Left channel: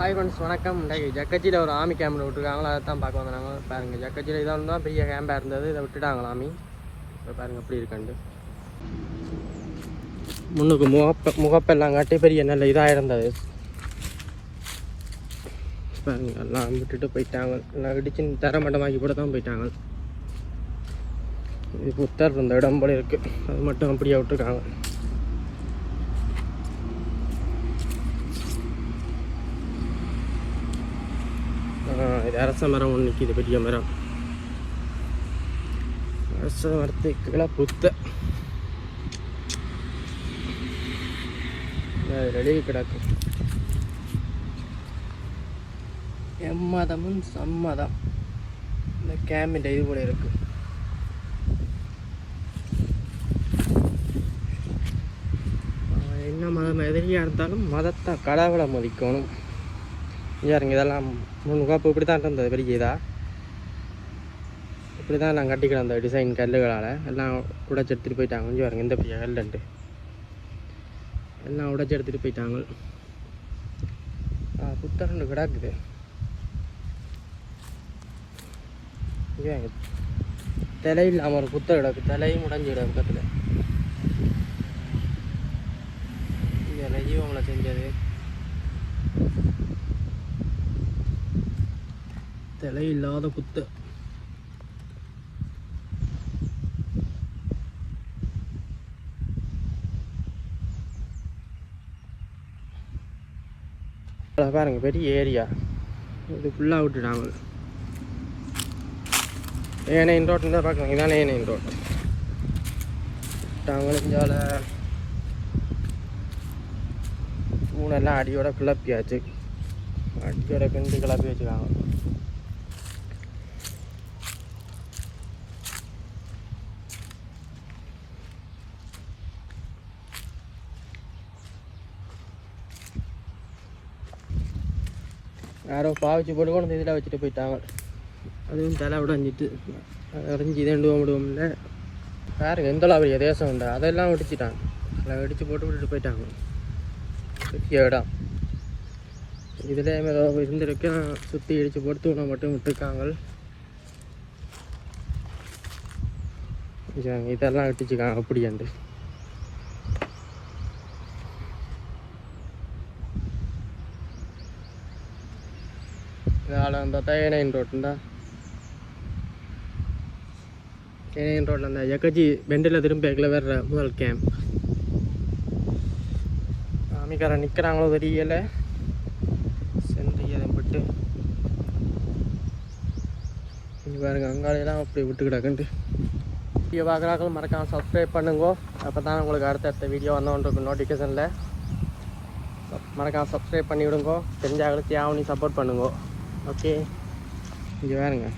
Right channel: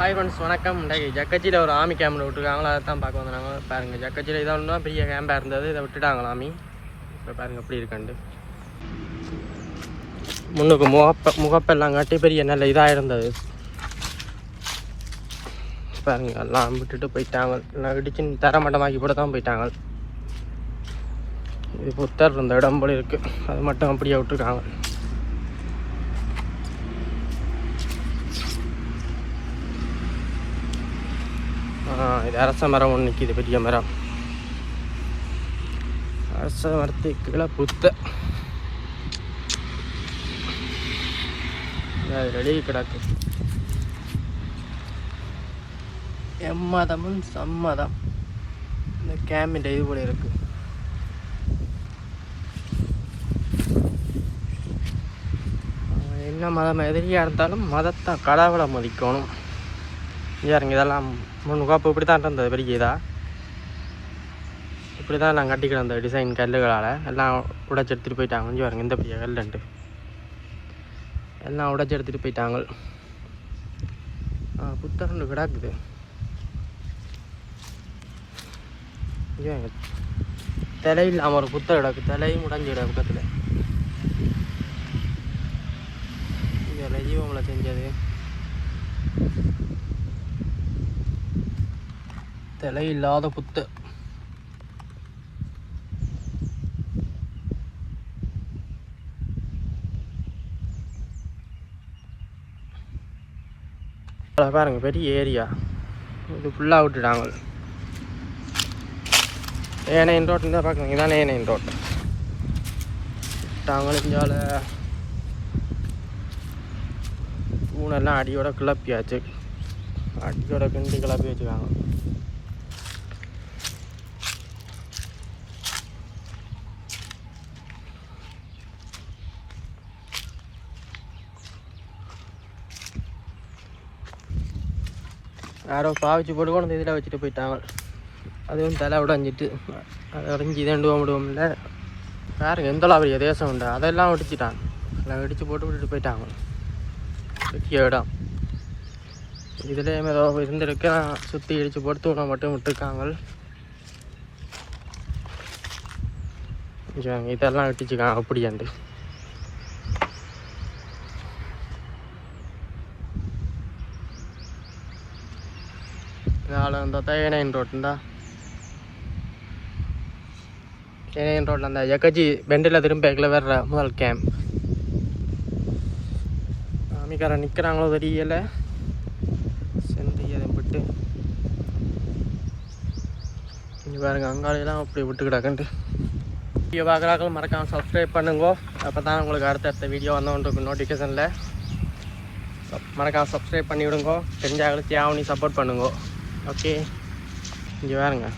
Hi friends, வணக்கம். இன்றைக்கு ஜக்கச்சியில் ஒரு ஆமி கேம்பில் விட்டுருக்காங்களா, அதை தான் பார்க்க வந்தாங்க. பாருங்கள், ஜக்கச்சியில் இதை ஒன்று தான் பெரிய கேம்பாக இருந்தது, இதை விட்டுட்டாங்களா ஆமி. இப்போ பாருங்கள் எப்படி இருக்காண்டு. முன்னுக்கு முகப்பெல்லாம் காட்டி பெரிய நல்ல இதாக இருந்தது. பாருங்கள், எல்லாம் விட்டுட்டு போயிட்டாங்க. எல்லாம் இடிச்சு தரமட்டமாக்கி போட தான் போயிட்டாங்க. இது புத்தர் இருந்த இடம் போல இருக்குது, அது மட்டும் அப்படியே விட்டுருக்காங்க. இது அரச மரம் ஒன்று நிற்கிது, பெரிய மரம். அரச மரத்துக்குள்ள புத்த வெளியே கிடக்கு. எம்மதமும் சம்மதம் இந்த கேம்பின் இது போல இருக்கு. என்ன மதம் எதிரியாக இருந்தாலும் மதத்தை கடவுளை மதிக்கணும். யாருங்க இதெல்லாம் முன்னுக்காப்பு இப்படி தான் இருந்தது, பெரிய இதா இப்படி தான் நான் கட்டிக்கிற அந்த டிசைன் கல்லுகளால் எல்லாம் உடைச்சி எடுத்துகிட்டு போயிட்டாங்க. கொஞ்சம் பாருங்க, இந்த பெரிய கல்லுண்டு எல்லாம் உடைச்சி எடுத்துகிட்டு போயிட்டாங்க. புத்தரண்டு கிடக்குது. தலை இல்லாமல் ஒரு புத்தர் கிடக்கு, தலையும் உடைஞ்சி கிடக்கு பக்கத்தில். இதில் ஜீவங்களை செஞ்சது தலை இல்லாத புத்து. பாருங்க, பெரிய ஏரியா. இது ஃபுல்லாக விட்டுட்டாங்க. ஏனையின் ரோட்டு தான் பார்க்குறீங்க, இதானே ஏனையின் ரோட்டு விட்டாங்க. இஞ்சால பூனெல்லாம் அடியோட கிளப்பியாச்சு, அடியோட கிண்டி கிளப்பி வச்சுக்காங்க. யாரோ பாவிச்சு போட்டு கொண்டு இதில் வச்சுட்டு போயிட்டாங்க. அதுவும் தலை உடஞ்சிட்டு அதை உடஞ்சி இதண்டு விடுவோம்ல. பாருங்க எந்த பெரிய தேசம் உண்டு, அதெல்லாம் வெடிச்சிட்டாங்க. அதில் வெடிச்சு போட்டு விட்டுட்டு போயிட்டாங்க. பெரிய இடம். இதில் ஏதோ இருந்திருக்கு, சுற்றி இடித்து போட்டு தூணை மட்டும் விட்டுருக்காங்க. இதெல்லாம் வெட்டிச்சுக்காங்க அப்படியாண்டு. அந்த ஏனையின் ரோட்டுண்டா, ஏனையின் ரோட்டில் அந்த ஜக்கச்சி பெண்டில் திரும்ப வர்ற முதல் கேம்ப். ஆமிக்காரன் நிற்கிறாங்களோ தெரியல, சென்று விட்டு இங்கே பாருங்க, அங்காளையெல்லாம் அப்படி விட்டு கிடக்குன்ட்டு. வீடியோ பார்க்குறாங்களும் மறக்காமல் சப்ஸ்கிரைப் பண்ணுங்க. அப்போ தான் உங்களுக்கு அடுத்தடுத்த வீடியோ வந்தவன்ட்டு நோட்டிஃபிகேஷனில் மறக்காமல் சப்ஸ்கிரைப் பண்ணி விடுங்க. தெரிஞ்சாங்களுக்கு தேவனி சப்போர்ட் பண்ணுங்க. ஓகே, இங்கே வேறுங்க,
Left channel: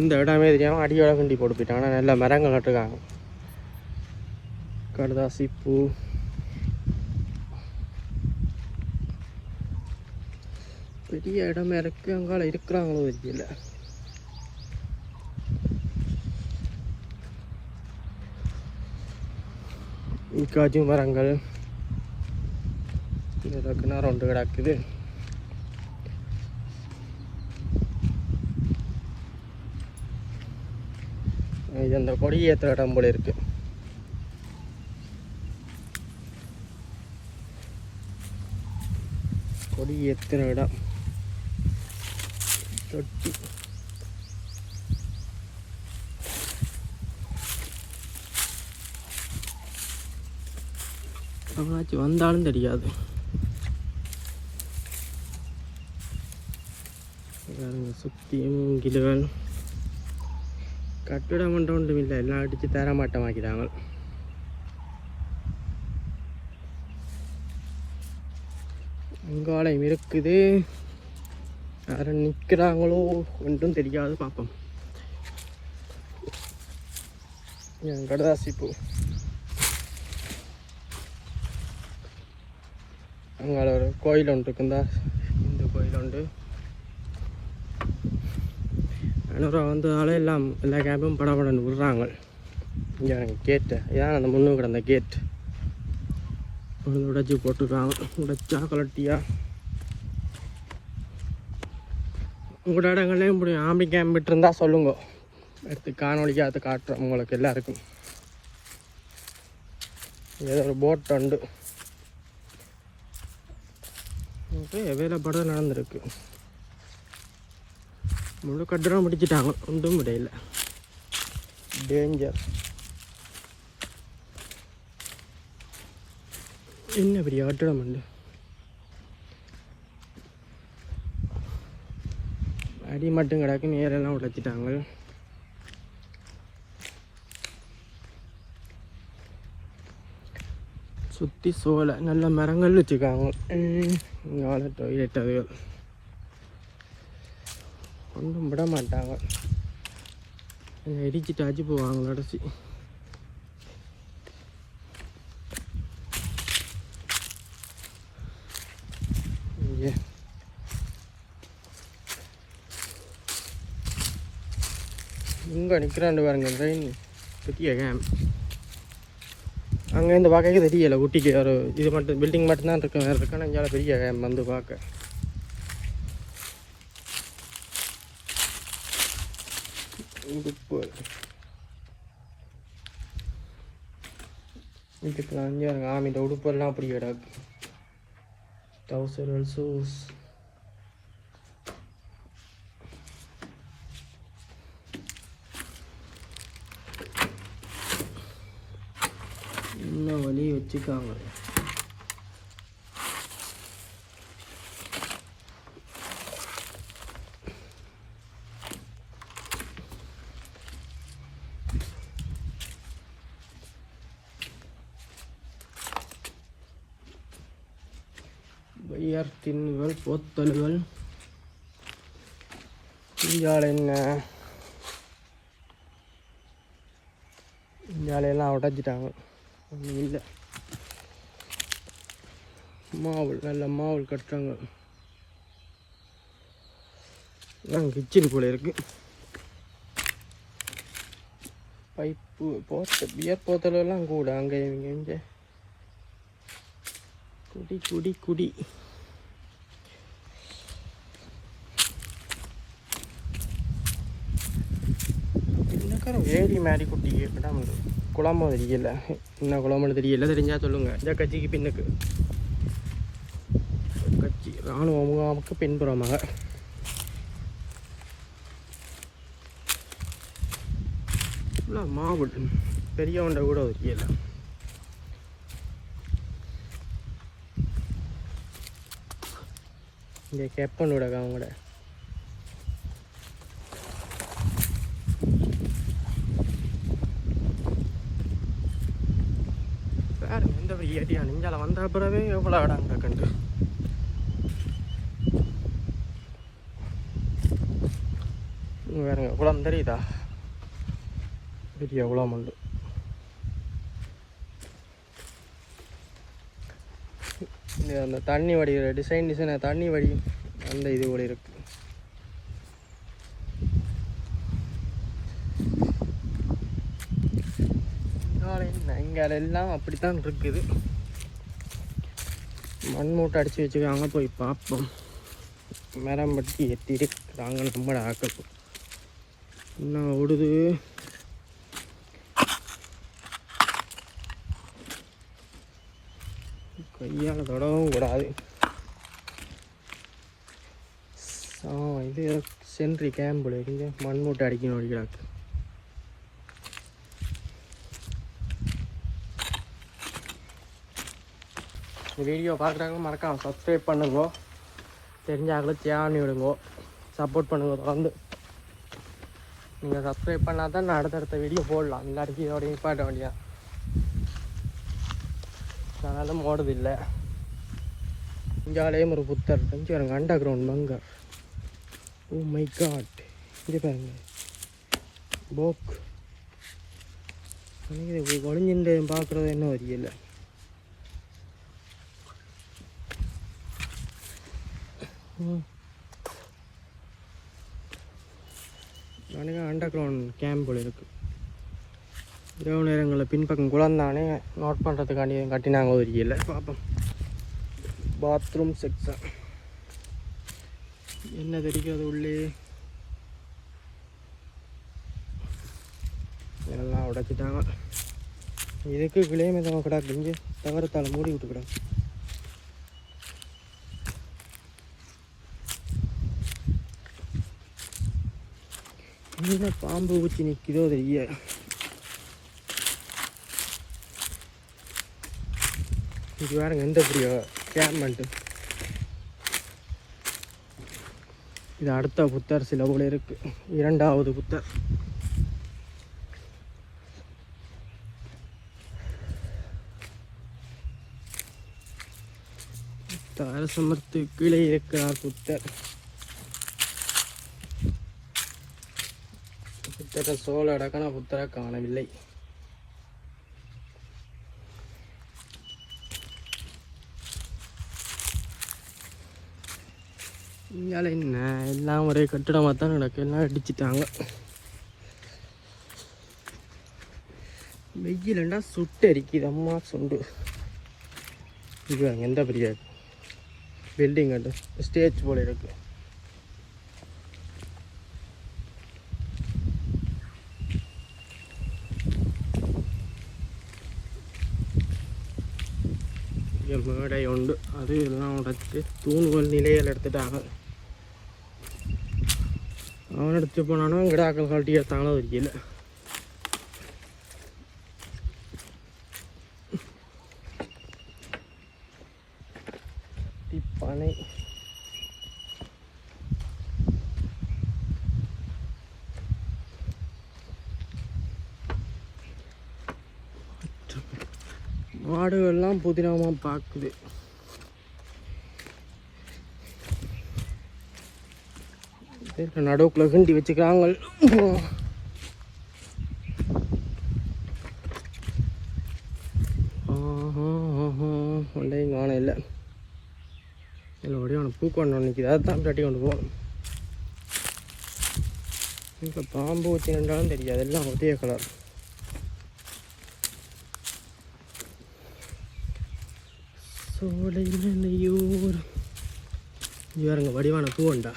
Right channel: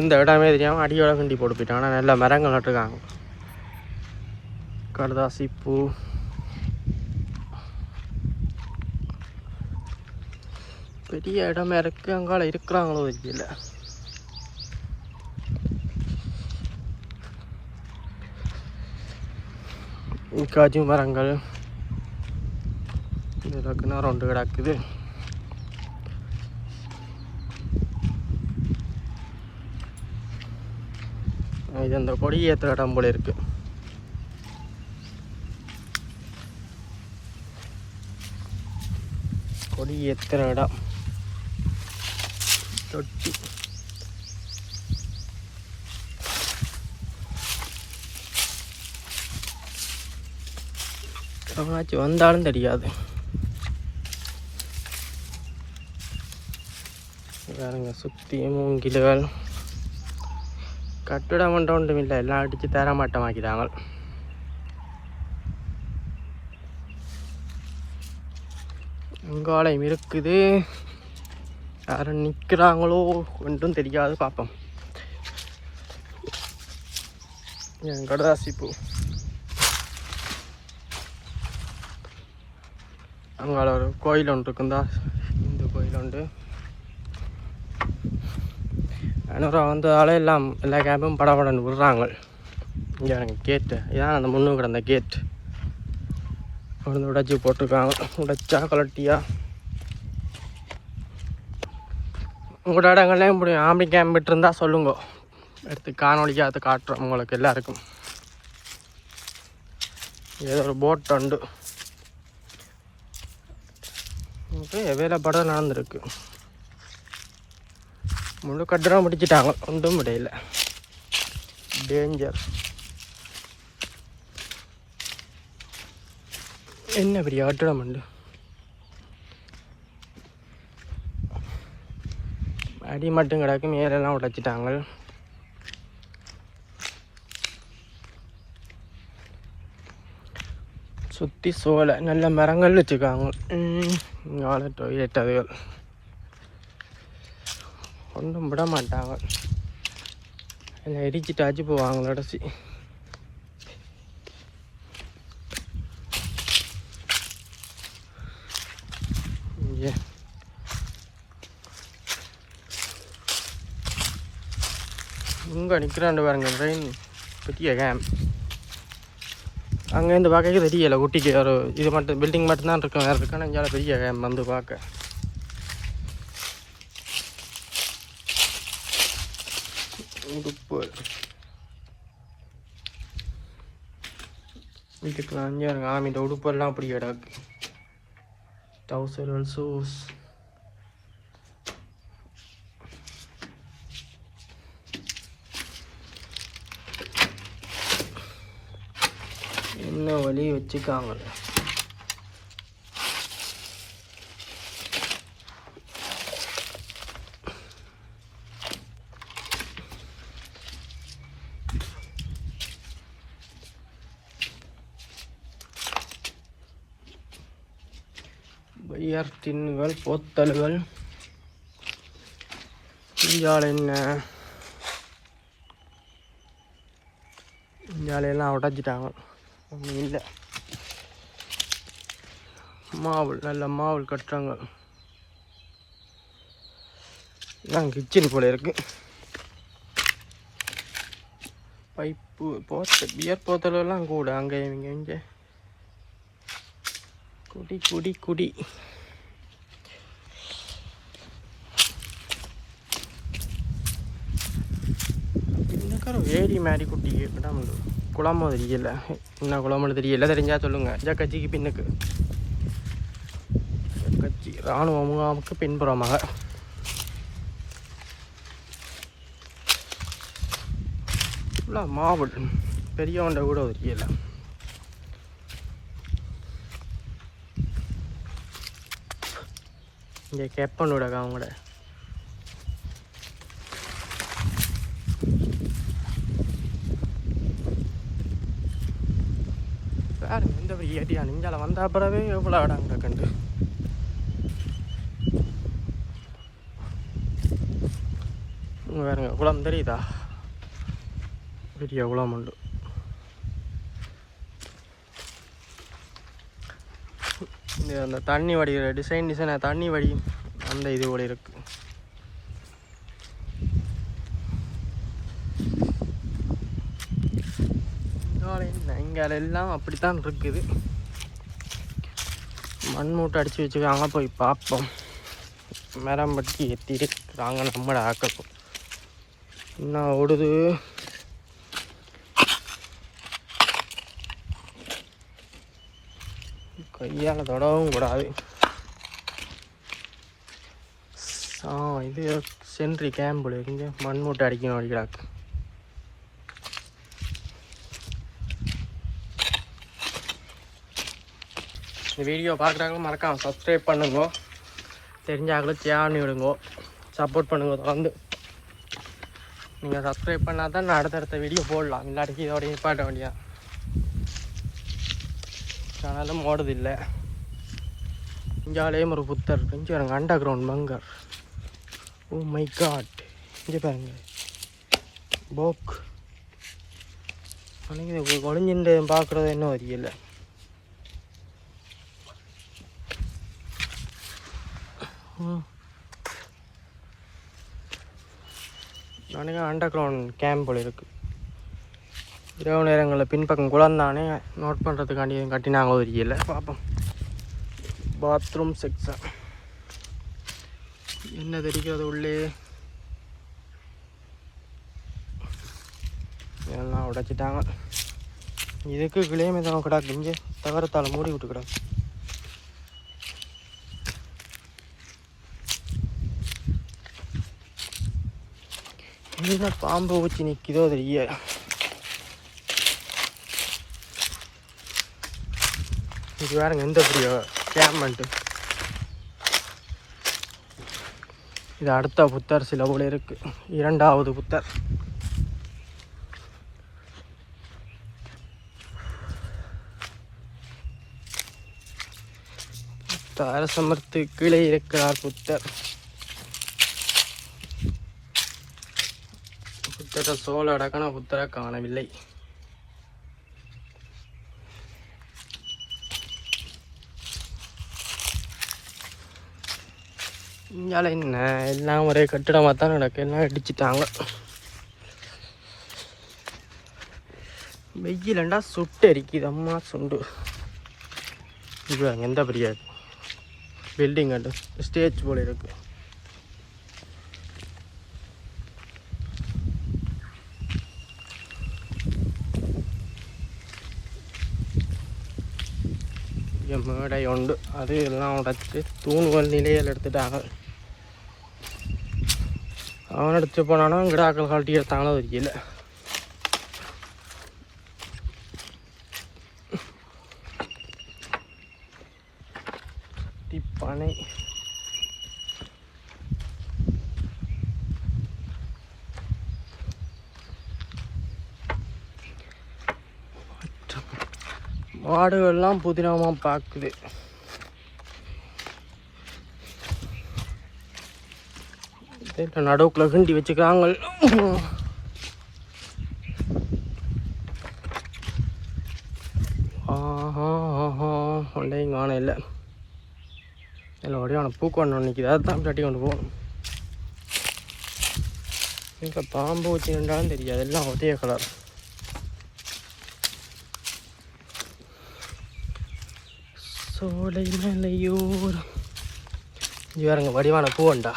இந்த இடமே தெரியாமல் அடியோட கிண்டி போட்டு போயிட்டாங்க. ஆனால் நல்ல மரங்கள் நட்டுருக்காங்க. கடுதாசி பூ, பெரிய இடமே இருக்குது. அங்கால இருக்கிறாங்களோ தெரியல. காஜு மரங்கள் இதில் கிணறு ஒன்று கிடக்குது. இது அந்த கொடி ஏற்றுற இடம் போல இருக்கு. கொடி ஏற்றுற இடம் தொட்டி. எவனாச்சும் வந்தாலும் தெரியாது. பாருங்க, சுற்றியும் மூங்கில்கள். கட்டிடம் ஒன்றும் ஒன்றும் இல்லை, எல்லாம் அடித்து தரமாட்டமாக்கிட்டாங்க. இங்காலையும் இருக்குது. யாரும் நிற்கிறாங்களோ ஒன்றும் தெரியாது, பார்ப்போம். கடுதாசி பூ. அங்கால ஒரு கோயில் ஒன்று இருக்குந்தா, இந்த கோயில் உண்டு. அனுரா வந்ததால எல்லா கேம்பும் படப்படன்னு விடுறாங்க. இங்கே கேட்டு இதான் அந்த முன்னு கிடந்த கேட் உடச்சி போட்டிருக்காங்க. உடைச்சா கலட்டியா உங்களோட இடங்கள்லேயும் இப்படி ஆம்பி கேம்ப் விட்டுருந்தா சொல்லுங்க, எடுத்து காணொலிக்காக அதை காட்டுறோம் உங்களுக்கு எல்லாருக்கும். ஏதோ ஒரு போட் உண்டு வேலை படம் நடந்துருக்கு. முழு கட்டுறம் பிடிச்சிட்டாங்க, ஒன்றும் முடியல. டேஞ்சர். என்ன பெரிய கட்டிடம் உண்டு. அடி மட்டும் கிடக்கு, மேலெல்லாம் உடைச்சிட்டாங்க. சுற்றி சோலை நல்ல மரங்கள் வச்சுருக்காங்க. இங்கே டொய்லெட் அதுகள் ஒன்றும் விட மாட்டாங்க, எல்லாம் இடிச்சிட்டாச்சு போவாங்க கடைசி. இங்கே நிற்கிறாண்டு பாருங்க ட்ரெயின், பெரிய கேம்ப். அங்கேருந்து பார்க்க தெரியலை, குட்டிக்கு ஒரு இது மட்டும் பில்டிங் மட்டும்தான் இருக்கும், வேறு இருக்கான்னு இங்கே பெரிய கேம்ப் வந்து பார்க்க. உடுப்பு வீட்டுக்கெல்லாம் அங்கே ஆமிட்ட உடுப்பெல்லாம் அப்படி கிடக்கு. டவுசர் ஷூஸ் என்ன வழி வச்சுக்காங்க. பையர் டின்னுகள், போத்தல்கள். இந்தியாவில் என்ன இந்தியாவிலெல்லாம் உடைச்சிட்டாங்க, ஒன்றும் இல்லை. மாவுள் நல்ல மாவுள் கட்டுறாங்க. இதான் கிச்சன் போல இருக்கு. பைப்பு பியர் போத்தலெல்லாம் கூட அங்கே இங்கே குடி குடி குடி. வேரி மாதிரி குட்டி கிடாம குளமோ தெரியல, என்ன குளம்னு தெரியல, தெரிஞ்சா சொல்லுங்க. இந்த கட்சிக்கு பின்னுக்கு கட்சி இராணுவ முகாமுக்கு பின்புறமாக மாவுள் பெரியவண்ட கூட தெரியல. இங்கே கெப்பன் விடக்கா அவங்களோட பாருங்க எந்த ஒரு ஏடியா நெஞ்சால வந்த அப்புறவே எவ்வளோ இடம் கிடக்குண்டு. வேறுங்க குளம் தெரியுதா, பெரிய குளம் உண்டு. இந்த அந்த தண்ணி வடி டிசைனாக தண்ணி வடி அந்த இது கூட இருக்கு. இங்கே எல்லாம் அப்படித்தான் இருக்குது. மண் மூட்டை அடித்து வச்சுக்காங்க, போய் பார்ப்போம். மரம் பட்டி எத்திருக்கிறாங்க நம்மளை ஆக்கப்போம். என்ன ஓடுது, கையால் தொடவும் கூடாது. இது சென்ட்ரி கேம்பில் இங்கே மண் மூட்டை அடிக்கணும் அடிக்கிறாக்கு. இந்த வீடியோ பார்க்குறாங்க மறக்காம சப்ஸ்கிரைப் பண்ணுங்க, தெரிஞ்சாக்களும் சேனி விடுங்க, சப்போர்ட் பண்ணுங்க. தொடர்ந்து நீங்கள் சப்ஸ்கிரைப் பண்ணால் தான் நான் அடுத்தடுத்த வீடியோ போடலாம், இல்லாட்டிக்கு இதோட நிப்பாட்ட வேண்டியா. சேனலும் ஓடுது இல்லை. இங்காலேயும் ஒரு புத்தர் இங்கே பாருங்க, underground bunker. Oh my god, இங்கே பாருங்க போக். அன்றைக்கி இது ஒளிஞ்சின்று பார்க்குறது என்ன தெரியல. அன்றைக்கி அண்டர் கிரவுண்ட் கேம்ப் போல் இருக்குது. இரவு நேரங்களில் பின்பக்கம் குளந்தானே நோட் பண்ணுறதுக்காண்டி கட்டினாங்க தெரியல. பார்ப்போம். பாத்ரூம் செக்ஷன் என்ன தெரிக்கிறது உள்ளே எல்லாம் உடைச்சிட்டாங்க. இதுக்கு கிளையுமே தான் கிடாக்கு இங்கே தகரத்தால் மூடி விட்டு கிடாக்கு. என்ன பாம்பை வச்சு நிற்கிதோ தெரிய. இது வேறுங்க எந்த பெரிய கேம்மெண்ட்டு. இது அடுத்த புத்தர் சில போல இருக்கு, 2வது புத்தர். அரசமர்த்து கீழே இருக்கிறார் புத்தர். புத்தரை சோழ அடக்கன புத்தரை காணவில்லை. இங்கால என்ன எல்லாம் ஒரே கட்டிடமாக தான் நடக்கு. எல்லாம் அடிச்சிட்டாங்க. வெயிலண்டா சுட்டு அரிக்குது அம்மா சுண்டு. இது அங்கே எந்த பெரிய பில்டிங் அண்டு ஸ்டேஜ் போல இருக்கு. மேடை உண்டு, அது எல்லாம் உடைச்சு தூண்கள் நிலையில் எடுத்துட்டாங்க. அவன் எடுத்து போனானோ கிடாக்கள் கழட்டி எடுத்தாங்களோ தெரியல. டிப்பனை மாடுகள்லாம் புதினமாக பார்க்குது. நடுவுக்குள்ள கிண்டி வச்சுக்கிறாங்க. ஒன்றையும் காண இல்லை. இல்லை ஒடியான பூக்கொண்டு நிற்கிது, அதை தான் தட்டி கொண்டு போகணும். இங்கே பாம்பு வச்சு நின்றாலும் தெரியாது, எல்லாம் ஒரே கலர். சோலை மலையூர். இது வேறுங்க வடிவான பூவண்டா,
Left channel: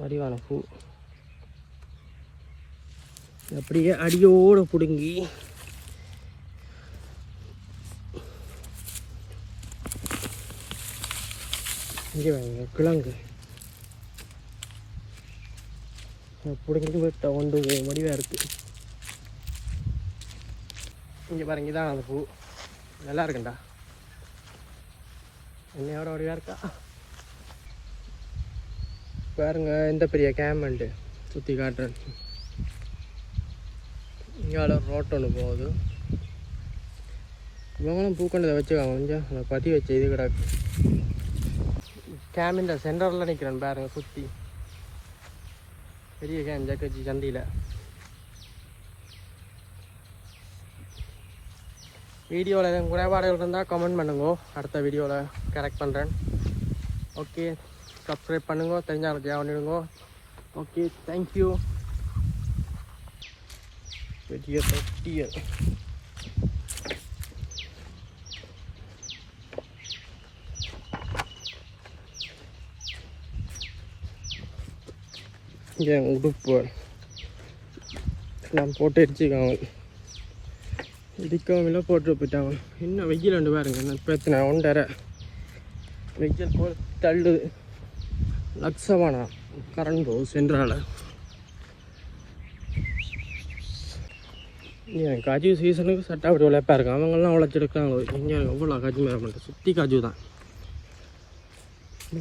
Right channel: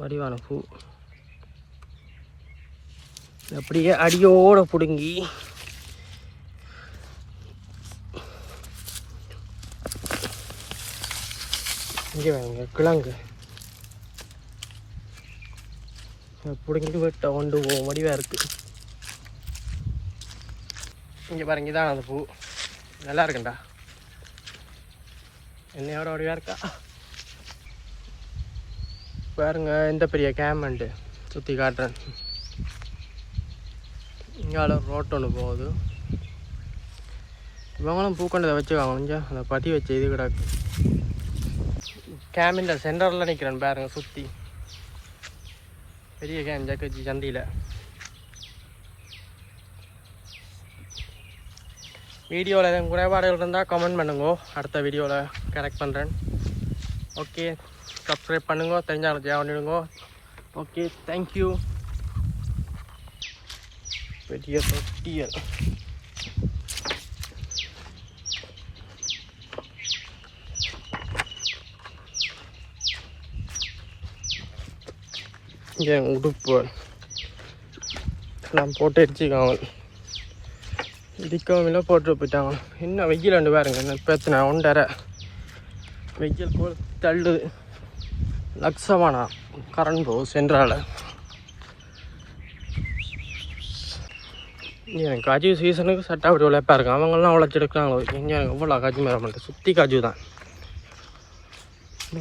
வடிவான பூ. அப்படியே அடியோடு பிடுங்கி இங்கே வேணுங்க கிழங்கு பிடுங்கிட்டு வெட்ட கொண்டு போவோம். வடிவாக இருக்குது. இங்கே பாருங்க, இதான் அந்த பூ. நல்லா இருக்குண்டா, என்னையோட வடிவாக இருக்கா பாருங்க. எந்த பெரிய கேமண்டு சுற்றி காட்டுறேன். இங்கே ரோட் ஒன்று போகுது. இவங்களும் பூக்கொண்டதை வச்சுக்காங்க. கொஞ்சம் அந்த பதி வச்சு இது கிடக்கு. கேமில் சென்டரில் நிற்கிறேன் பாருங்க. சுற்றி பெரிய கேம் ஜக்கச்சி சந்தியில். வீடியோவில் எதுவும் குறைபாடுகள் இருந்தால் கமெண்ட் பண்ணுங்க, அடுத்த வீடியோவில் கரெக்ட் பண்ணுறேன். ஓகே, சப்ஸ்கிரைப் பண்ணுங்க, தெரிஞ்சாலும் ஜெயா பண்ணிவிடுங்க. Okay, thank you. பெரிய தொட்டியல். இங்கே உடுப்பு நான் போட்டு அடிச்சுக்காங்க. இடிக்கவும் இல்லை, போட்டு போயிட்டாங்க. என்ன வெயில் ரெண்டு பாருங்க, என்ன பிரச்சனை. 1.5 வெயில் போல் தள்ளுது. லட்சமானா கரண்ட் போகும் சென்றால். எனக்கு காஜு சீசனுக்கு சட்டை அப்படி உழைப்பா இருக்கும். அவங்களாம் உழைச்செடுக்கிறாங்களோ. எங்கே எனக்கு இவ்வளோ காஜு மேலே பண்ணிட்டு சுற்றி காஜு தான்.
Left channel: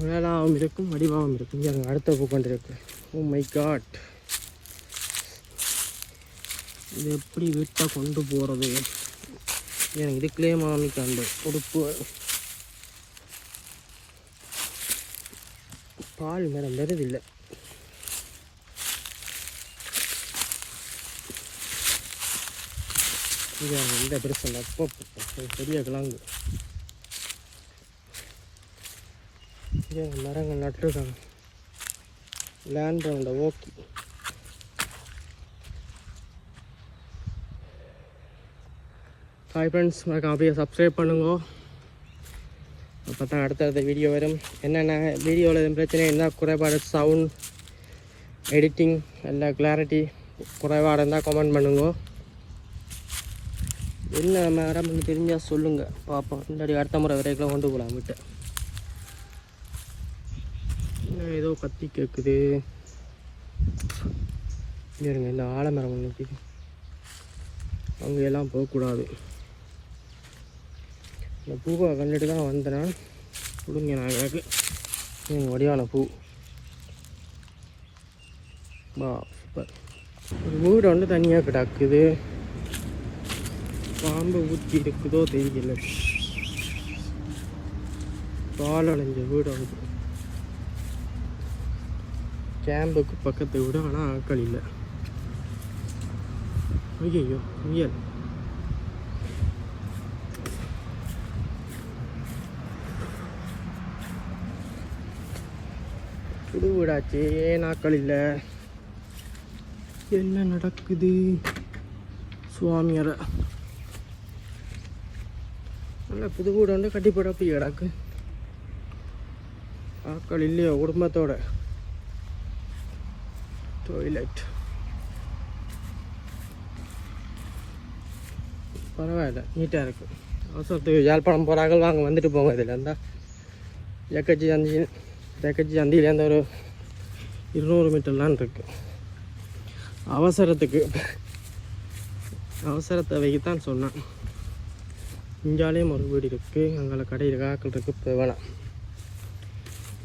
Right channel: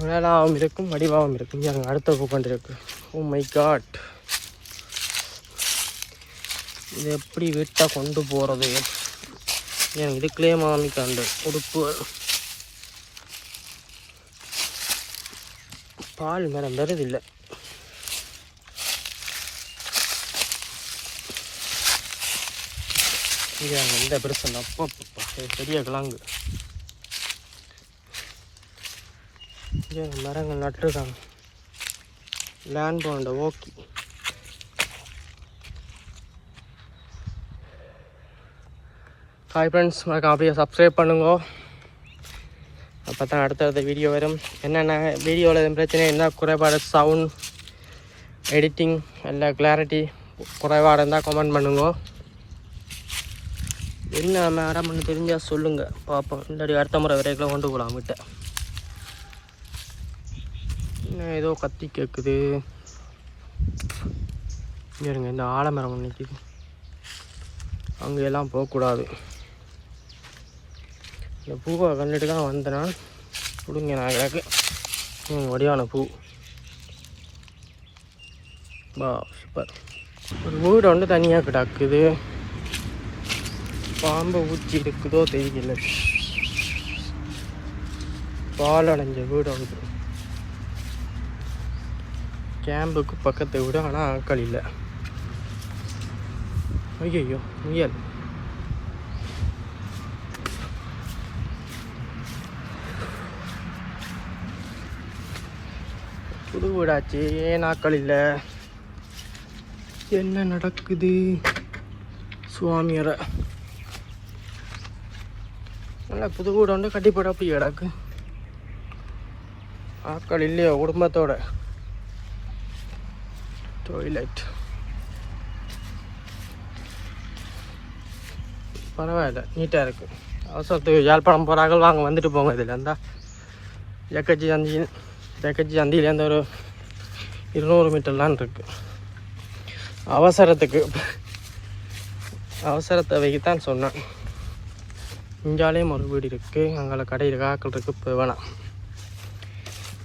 மேலாவும் இருக்கும், வடிவாகவும் இருக்கும். இங்கே எனக்கு அடுத்த பூக்கண்டு இருக்கு. ஓ மை காட், இது எப்படி வீட்டாக கொண்டு போகிறது? எனக்கு இதுக்குள்ளே மாமிக்காண்டு உடுப்பு. பால் மேடம் வருதில்லை. இங்கே எந்த பெருசு அப்போ பெரிய கிழங்கு. இங்கே மரங்கள் நட்டுருக்காங்க. லேண்ட் போண்ட ஓகே. ஹாய் ஃப்ரெண்ட்ஸ், மறக்காம அப்படியே சப்ஸ்கிரைப் பண்ணுங்க. அப்போ தான் அடுத்தடுத்த வீடியோ வரும். என்னென்ன வீடியோவில் எதுவும் பிரச்சனை இருந்தால் குறைபாடு சவுண்ட் எடிட்டிங் இல்லை கிளாரிட்டி குறைபாடு இருந்தால் கமெண்ட் பண்ணுங்க. என்ன மேடம்னு தெரிஞ்சால் சொல்லுங்கள் பார்ப்போம். இல்லாடி அடுத்த முறை வரைக்கும் கொண்டு போகலாம் விட்ட. இன்னும் ஏதோ கத்தி கேட்குது இருங்க. இந்த ஆலமரம் நிற்கிது, அங்கெல்லாம் போகக்கூடாது. இந்த பூவை கண்டுட்டு தான் வந்தேன்னா கொடுங்க நான் கிடக்கு வடிவான பூ. பா சூப்பர். ஒரு வீடு வந்து தனியாக கிடக்குது. பாம்பு ஊச்சி இருக்குதோ தெரியல. பால் அடைஞ்ச வீடு வந்து கேம்புக்கு பக்கத்தை விட, ஆனால் ஆட்கள் இல்லை. ஐயோ முயல். புது வீடாச்சு, ஏன் ஆட்கள் இல்லை? என்ன நடக்குது? சுவாமியரை நல்லா புது வீடு வந்து கட்டி போட அப்படி கிடக்கு. ஆட்கள் இல்லையோ குடும்பத்தோட. டாய்லெட் பரவாயில்ல, நீட்டாக இருக்குது. அவசரத்துக்கு யாழ்ப்பாணம் போகிறாங்க, வாங்க வந்துட்டு போங்க. இதில் இருந்தால் ஜக்கச்சி சந்தியிலேருந்து ஒரு 200 மீட்டர்லாம் இருக்குது. அவசரத்தை வைக்கத்தான் சொன்னேன். இங்காலேயும் ஒரு வீடு இருக்குது, அங்கே கடையில் காக்கள் இருக்குது. இப்போ வேணாம்.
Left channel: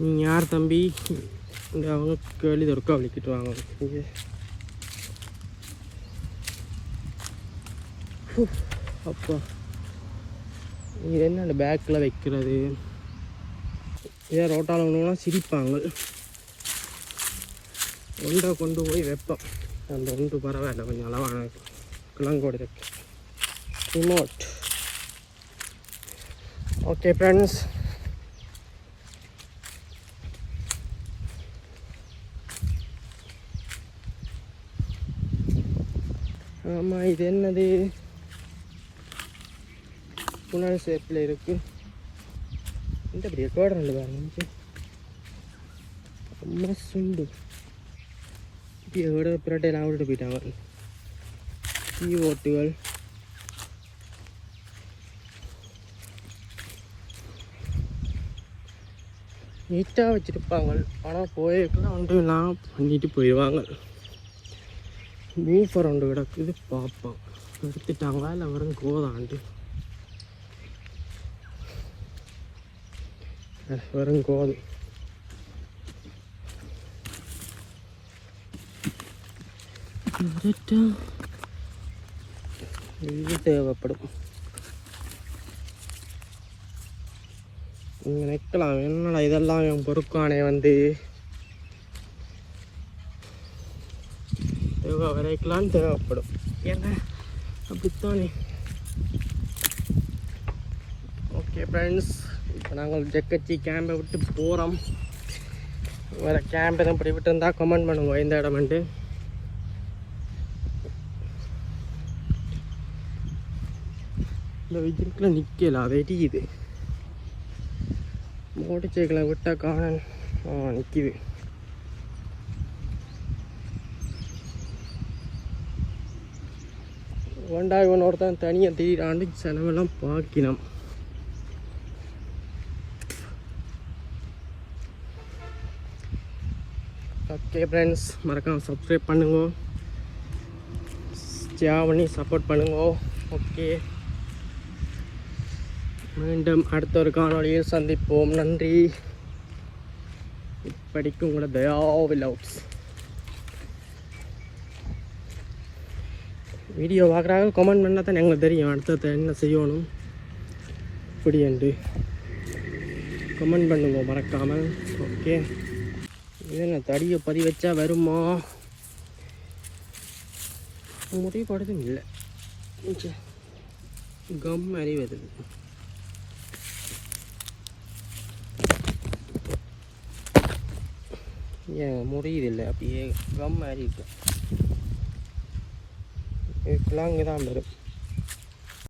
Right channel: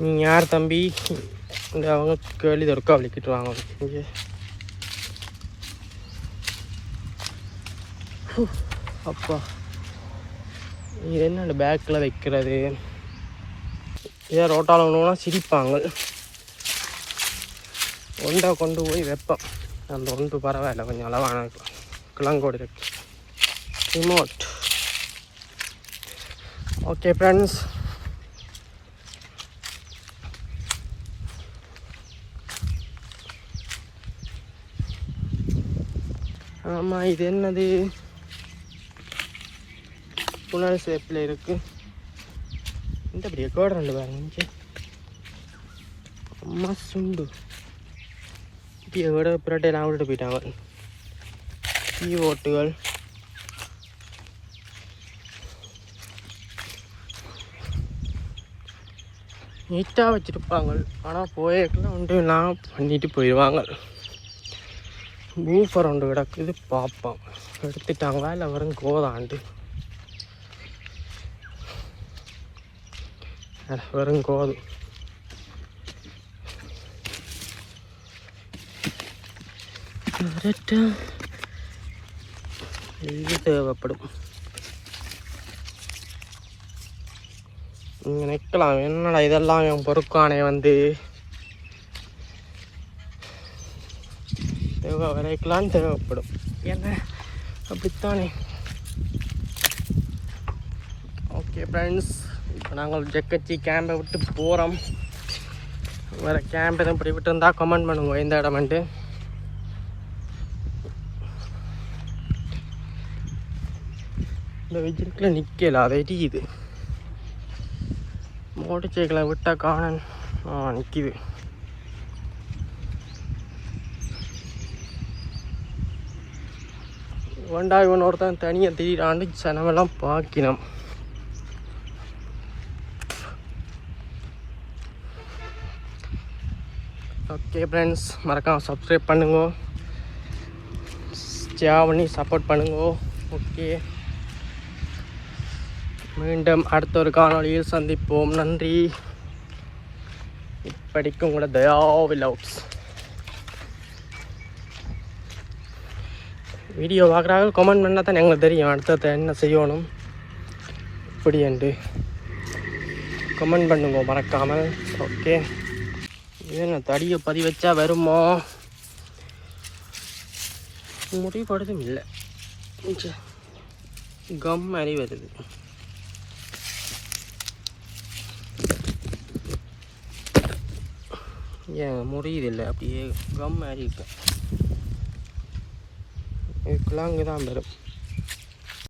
நீ யார் தம்பி? இந்த அவங்க கேள்வி இருக்கா வலிக்கிட்டு வாங்க. இங்கே அப்பா இது என்ன பேக்கில் வைக்கிறது? இதே ரோட்டால் ஒன்றுனா சிரிப்பாங்க. ஒன்றை கொண்டு போய் வைப்பேன். அந்த ஒன்று பரவாயில்ல, கொஞ்சம் அளவான கிழங்கோடு இருக்கு. ரிமோட். ஓகே ஃப்ரெண்ட்ஸ், ஆமாம் இது என்னது? புனல் ஷேப்பில் இருக்குது. இந்த அப்படியே கோடு 2 பாருங்க. அம்மா சுண்டு இப்போ விட புரட்டையெல்லாம் விட்டுட்டு போயிட்டாங்க. கீவோட்டுகள் நீட்டாக வச்சுருப்பாங்க. ஆனால் போயக்கெல்லாம் ஒன்று நான் பண்ணிட்டு போயிடுவாங்க. மூஃபர் ஒன்று கிடக்குது, பார்ப்போம் எடுத்துட்டாங்களா இல்லை வரும் கோதாண்டு. வெறும் கோது. இது தேவைப்படும். நீங்கள் நிற்கலாம், என்னடா இதெல்லாம் என் பொறுக்கானே வந்து தேவை வரைக்கலாம் தேவைப்படும். என்ன அப்படித்தானே? ஓகே ஃப்ரெண்ட்ஸ், இப்போ நாங்கள் ஜக்கச்சி கேம்பை விட்டு போகிறோம். வேறு கேம்ப் எதுவும் இப்படி விட்டு இருந்தால் கமெண்ட் பண்ணுங்க இந்த இடமெண்ட்டு. இந்த வெஜிடக்கில் நிற்கல, அதை எரியுது. மோட்டர் சைக்கிளை விட்டால் காணன் நிற்கிது. வேண்டா இவன் ஒருத்தன் தனியாக திடீராண்டு சனமெல்லாம் பார்க்கணும். ஓகே ஃப்ரெண்ட்ஸ், மறக்காம சப்ஸ்கிரைப் பண்ணுங்க, ஷேர் பண்ணி சப்போர்ட் பண்ணுங்க. ஓகே, மீண்டும் அடுத்த ஒரு காணொளியில் சந்திப்போம். நன்றி. இப்படிக்கும் கூட தயா விலவுட்ஸ் வீடியோ பார்க்குறாங்க. கமெண்ட் பண்ணால் தான் எங்களுக்கு தெரியும் அடுத்தது என்ன செய்யணும் இப்படி என்று கமெண்ட் பண்ணுங்க மறக்காமல். ஓகே, இது என்ன தடியை பதிவு வச்சா வருமோ? முடிவுபடுதும் இல்லை, கம் மாதிரி வருது. ஏன் முடியுதில்லை, அப்படியே கம் மாதிரி இருக்கு. இதுக்கெல்லாம் இங்கே தான் வரும்.